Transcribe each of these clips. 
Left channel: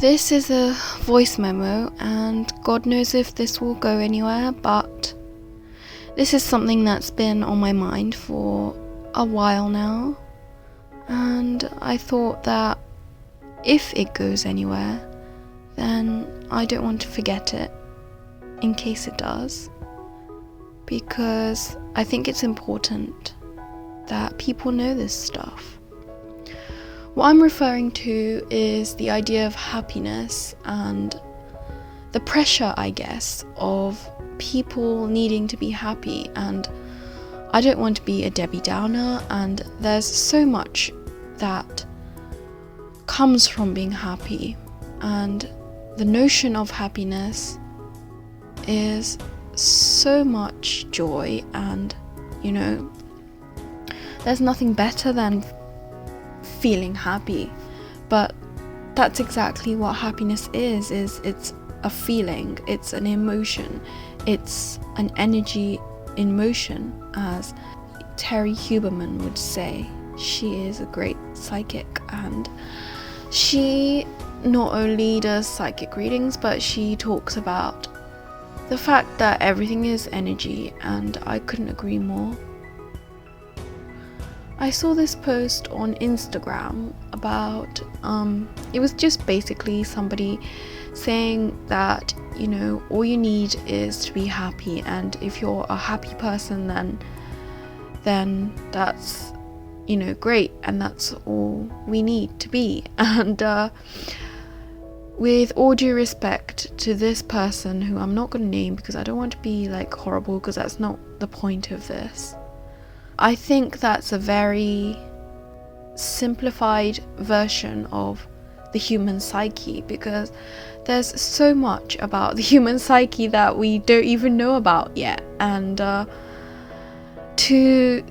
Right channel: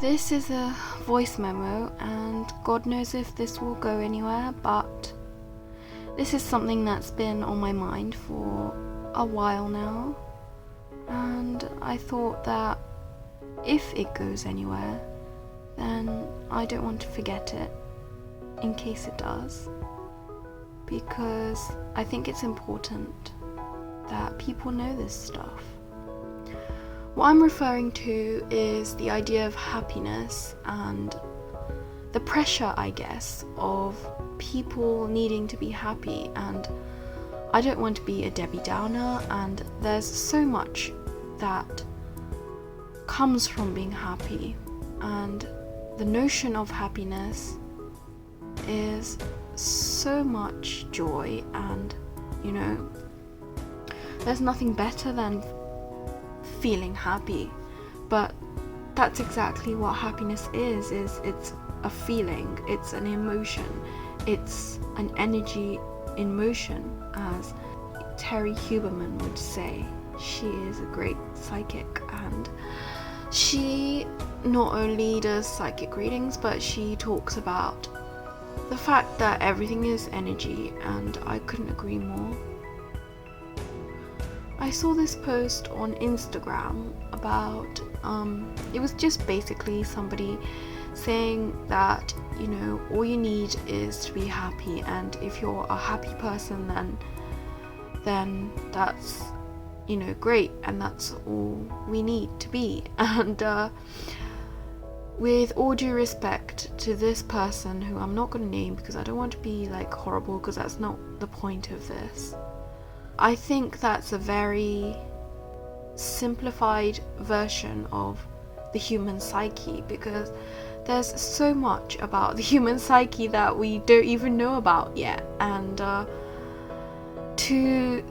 This is a voice memo, and God knows if this will go anywhere, but this is something that's been on my mind for a while now, and I thought that if it goes anywhere, then I don't want to forget it in case it does, because I think it's important that people know this stuff. What I'm referring to is the idea of happiness and the pressure, I guess, of people needing to be happy. And I don't want to be a Debbie Downer, and there's so much that comes from being happy, and the notion of happiness is so much joy, and there's nothing better than feeling happy. But that's exactly what happiness is it's a feeling, it's an emotion, it's an energy in motion, as Terry Huberman would say. She is a great psychic, and she not only does psychic readings, but she talks about the fact that everything is energy, and I couldn't agree more. I saw this post on Instagram about, it was just basically somebody saying that, all you need is to be happy, and if you're a happy person, then that's, great, and that's all we need to be. And with all due respect to this person, who I'm not going to name because I don't want to be horrible, because that's not the point of this, I think that's a very simplified version of the human psyche, because there's so much about the human psyche that we don't even know about yet. And to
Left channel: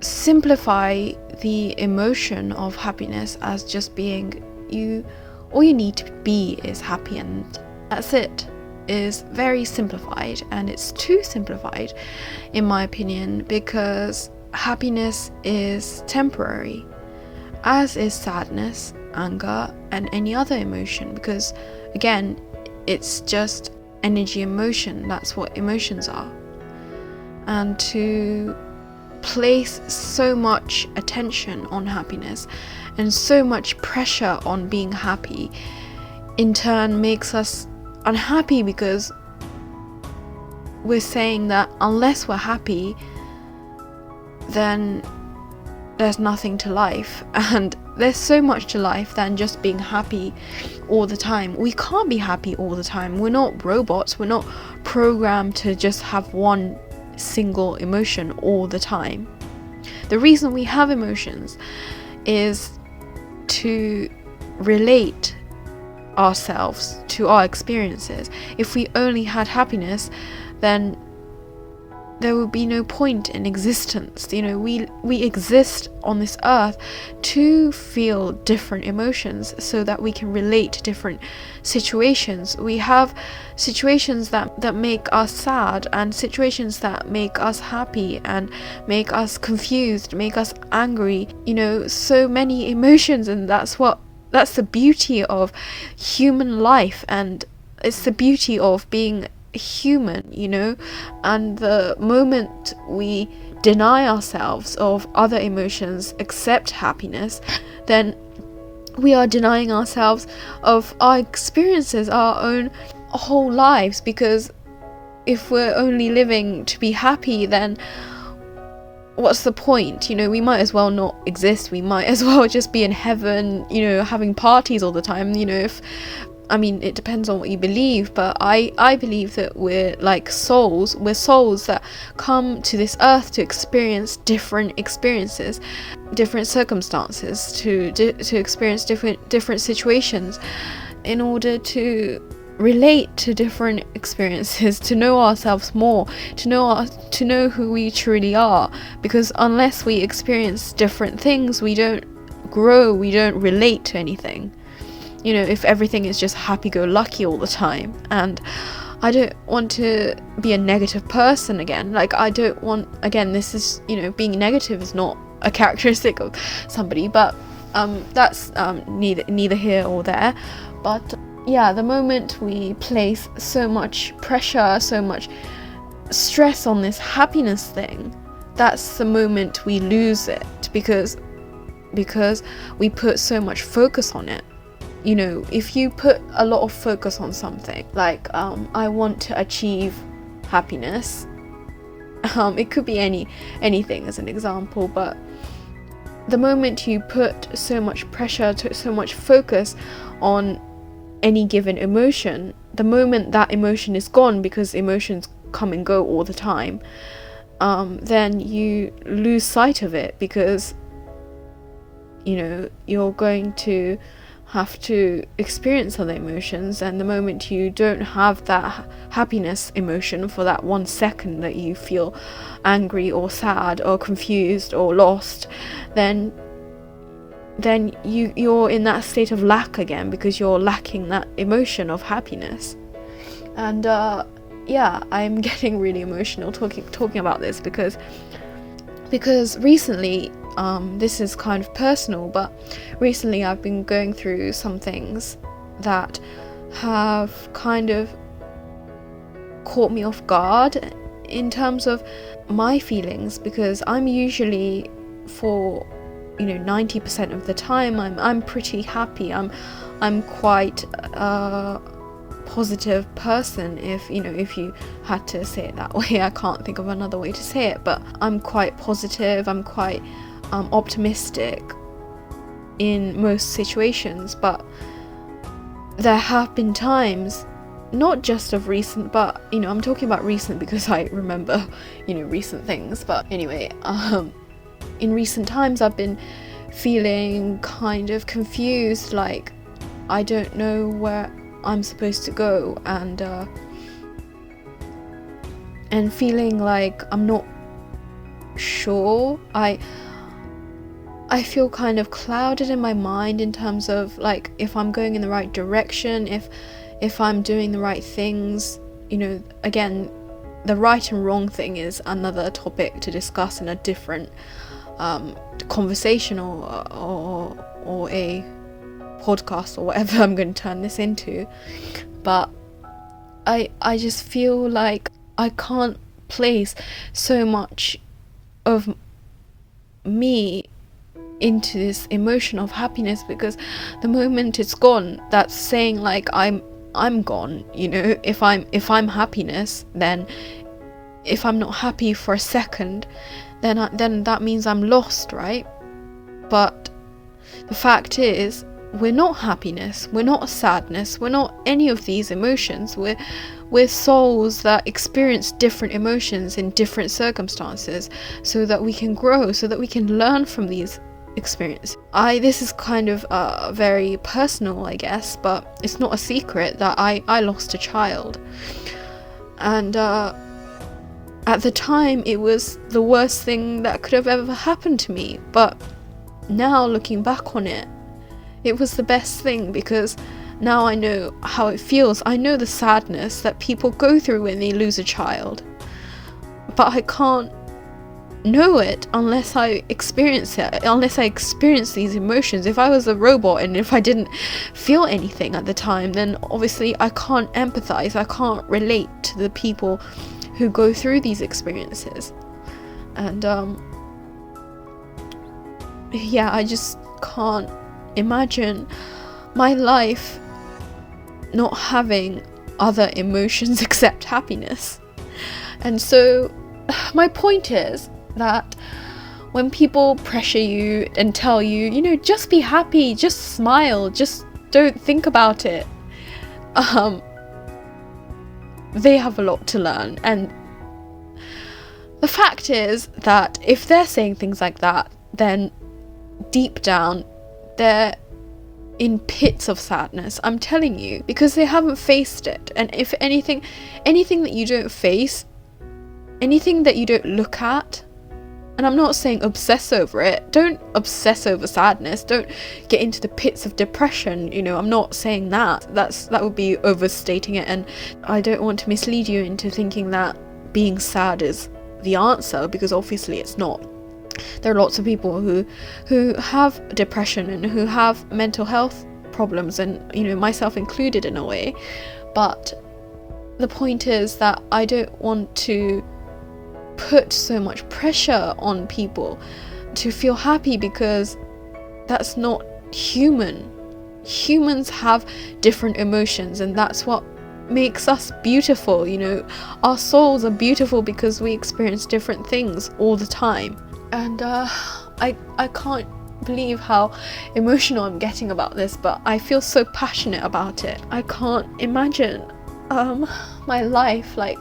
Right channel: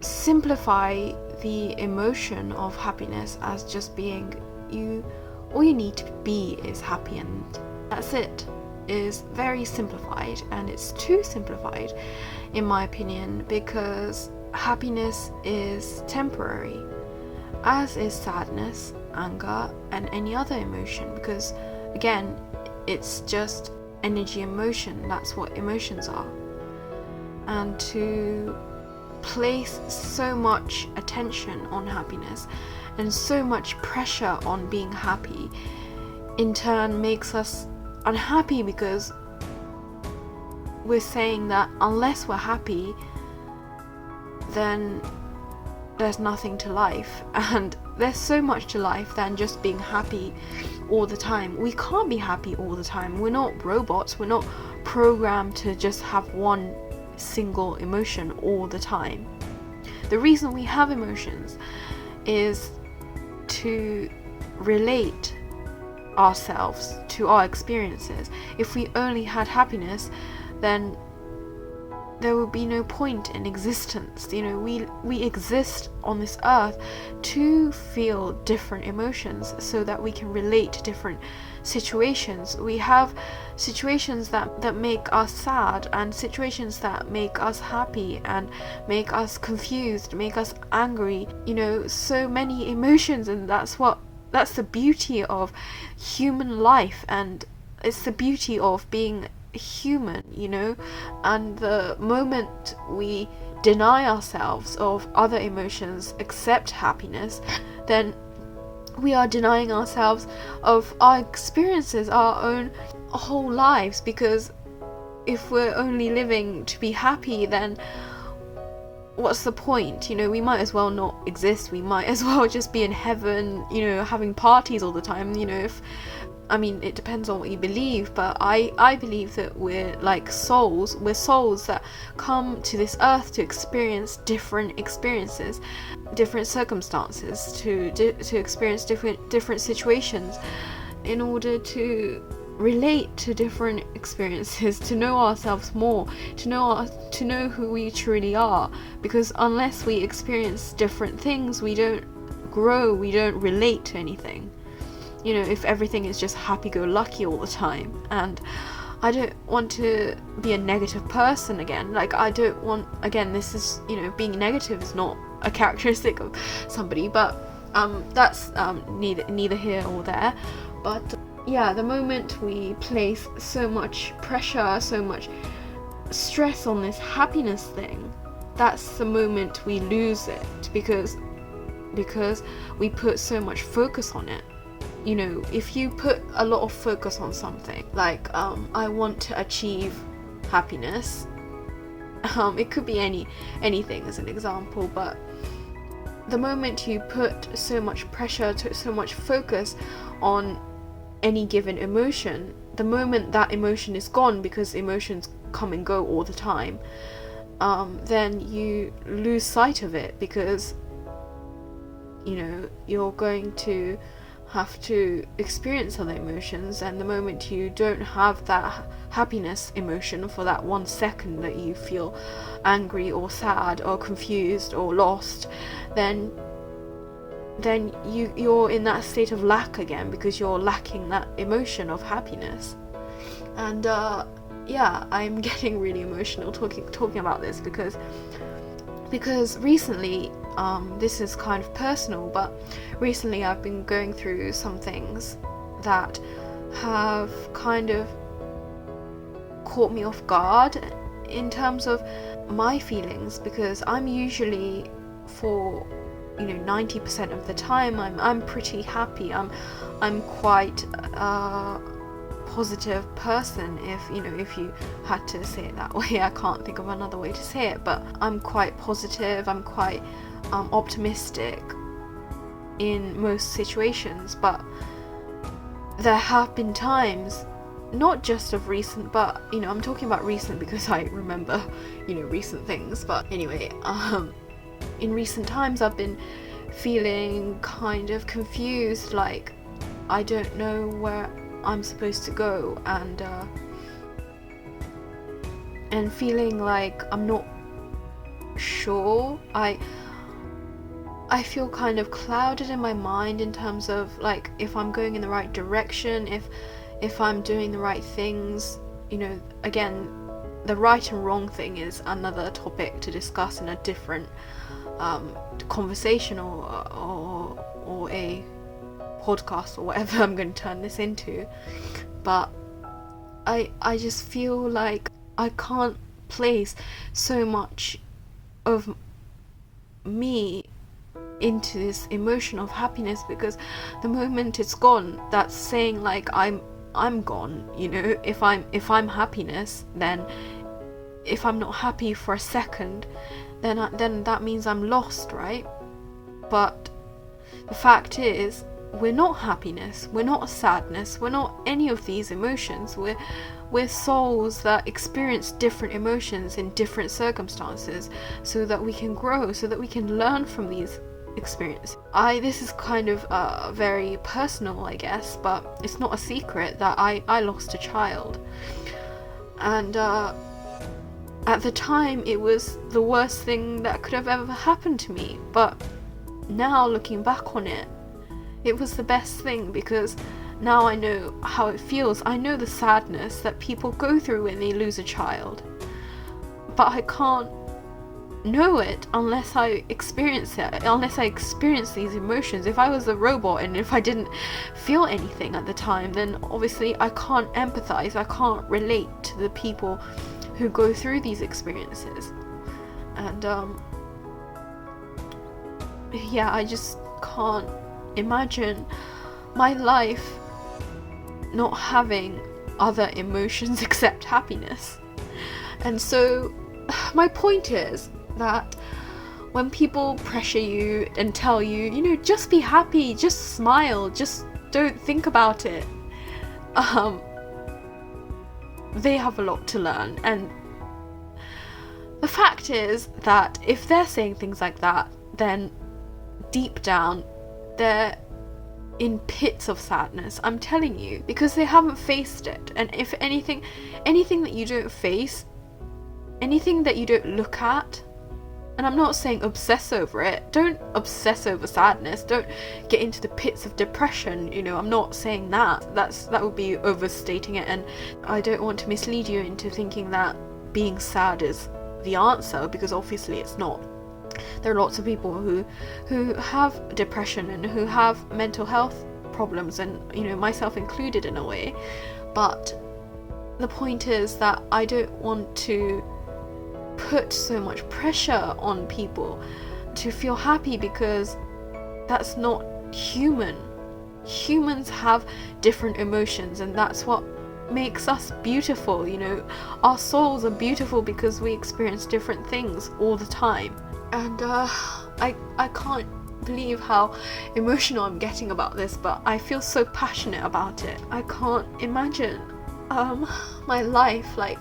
simplify the emotion of happiness as just being all you need to be is happy, and that's it, is very simplified, and it's too simplified in my opinion, because happiness is temporary, as is sadness, anger, and any other emotion, because again, it's just energy in motion. That's what emotions are. And to place so much attention on happiness and so much pressure on being happy in turn makes us unhappy, because we're saying that unless we're happy, then there's nothing to life. And there's so much to life than just being happy all the time. We can't be happy all the time. We're not robots. We're not programmed to just have one single emotion all the time. The reason we have emotions is to relate ourselves to our experiences. If we only had happiness, then there would be no point in existence. We exist on this earth to feel different emotions so that we can relate to different situations. We have situations that make us sad, and situations that make us happy and make us confused, make us angry, so many emotions. And that's the beauty of human life, and it's the beauty of being human, and the moment we deny ourselves of other emotions except happiness, then we are denying ourselves of our experiences, our own whole lives, because if we're only living to be happy, then what's the point? We might as well not exist. We might as well just be in heaven, having parties all the time. It depends on what you believe, but I believe that we're like souls. We're souls that come to this earth to experience different experiences, different circumstances, to experience different situations, in order to relate to different experiences, to know ourselves more, to know who we truly are. Because unless we experience different things, we don't grow, we don't relate to anything. If everything is just happy-go-lucky all the time. And I don't want to be a negative person again. I don't want, again, this is, being negative is not a characteristic of somebody, but that's neither here or there. But yeah, the moment we place so much pressure, so much stress on this happiness thing, that's the moment we lose it, because we put so much focus on it. You know, if you put a lot of focus on something, like I want to achieve happiness, it could be anything as an example, but the moment you put so much pressure, so much focus on any given emotion, the moment that emotion is gone, because emotions come and go all the time, then you lose sight of it, because you know you're going to have to experience other emotions, and the moment you don't have that happiness emotion for that 1 second that you feel angry or sad or confused or lost, then you're in that state of lack again, because you're lacking that emotion of happiness. And yeah, I'm getting really emotional talking about this, because recently, this is kind of personal, but recently I've been going through some things that have kind of caught me off guard in terms of my feelings, because I'm usually, for 90% of the time, I'm pretty happy. I'm quite a positive person, if you had to say it that way. I can't think of another way to say it, but I'm quite positive, I'm quite optimistic in most situations. But there have been times, not just of recent, but I'm talking about recent because I remember recent things, but anyway, in recent times I've been feeling kind of confused, like I don't know where I'm supposed to go, and feeling like I'm not sure. I feel kind of clouded in my mind in terms of like if I'm going in the right direction, if I'm doing the right things. Again, the right and wrong thing is another topic to discuss in a different conversation or a podcast or whatever I'm going to turn this into. But I just feel like I can't place so much of me into this emotion of happiness, because the moment it's gone, that's saying like I'm gone. If I'm happiness, then if I'm not happy for a second, then that means I'm lost, right? But the fact is, we're not happiness, we're not sadness, we're not any of these emotions. We're souls that experience different emotions in different circumstances, so that we can grow, so that we can learn from these experiences. This is kind of very personal, I guess, but it's not a secret that I lost a child, and at the time it was the worst thing that could have ever happened to me. But now, looking back on it, it was the best thing, because now I know how it feels. I know the sadness that people go through when they lose a child, but I can't know it unless I experience it, unless I experience these emotions. If I was a robot and if I didn't feel anything at the time, then obviously I can't empathize, I can't relate to the people who go through these experiences. And yeah, I just can't imagine my life not having other emotions except happiness. And so my point is that when people pressure you and tell you, just be happy, just smile, just don't think about it, they have a lot to learn. And the fact is that if they're saying things like that, then deep down they're in pits of sadness, I'm telling you, because they haven't faced it. And if anything that you don't face, anything that you don't look at, and I'm not saying obsess over it, don't obsess over sadness, don't get into the pits of depression, I'm not saying that would be overstating it, and I don't want to mislead you into thinking that being sad is the answer, because obviously it's not. There are lots of people who have depression and who have mental health problems, and myself included in a way. But the point is that I don't want to put so much pressure on people to feel happy, because that's not human. Humans have different emotions, and that's what makes us beautiful. Our souls are beautiful because we experience different things all the time. And I can't believe how emotional I'm getting about this, but I feel so passionate about it. I can't imagine my life like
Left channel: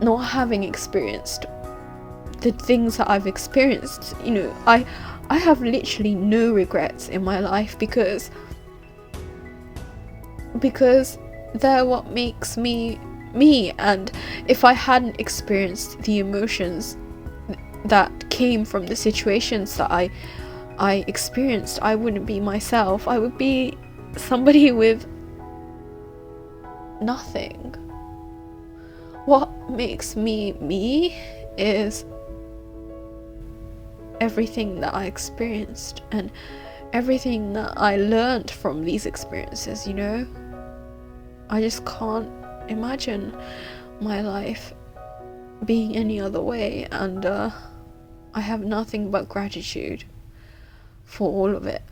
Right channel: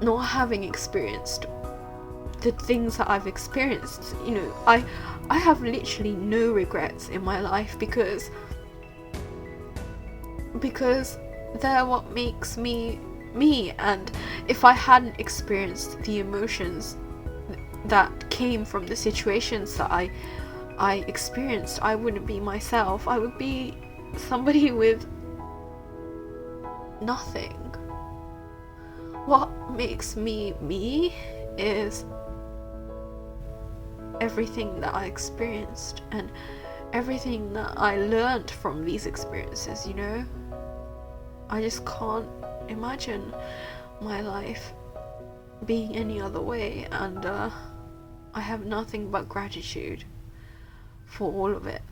not having experienced the things that I've experienced. I have literally no regrets in my life, because they're what makes me me. And if I hadn't experienced the emotions that came from the situations that I experienced, I wouldn't be myself. I would be somebody with nothing. What makes me me is everything that I experienced and everything that I learned from these experiences. I just can't imagine my life being any other way, and I have nothing but gratitude for all of it.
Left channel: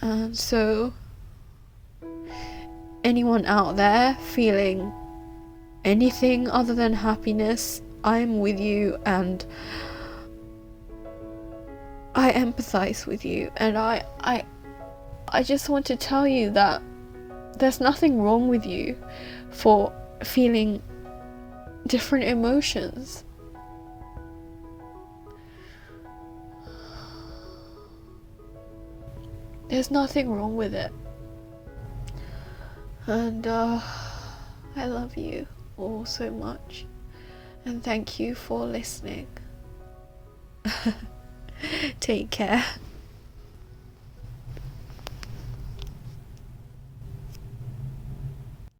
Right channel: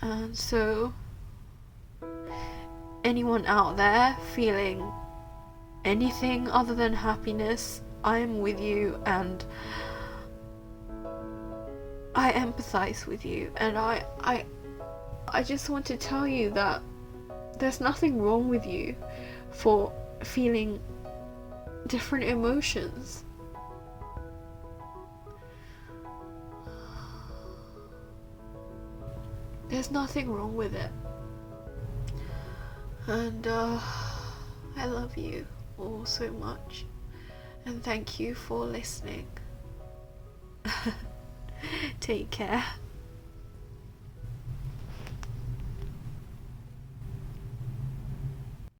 And so anyone out there feeling anything other than happiness, I'm with you, and I empathize with you. And I just want to tell you that there's nothing wrong with you for feeling different emotions. There's nothing wrong with it. And I love you all so much, and thank you for listening. Take care.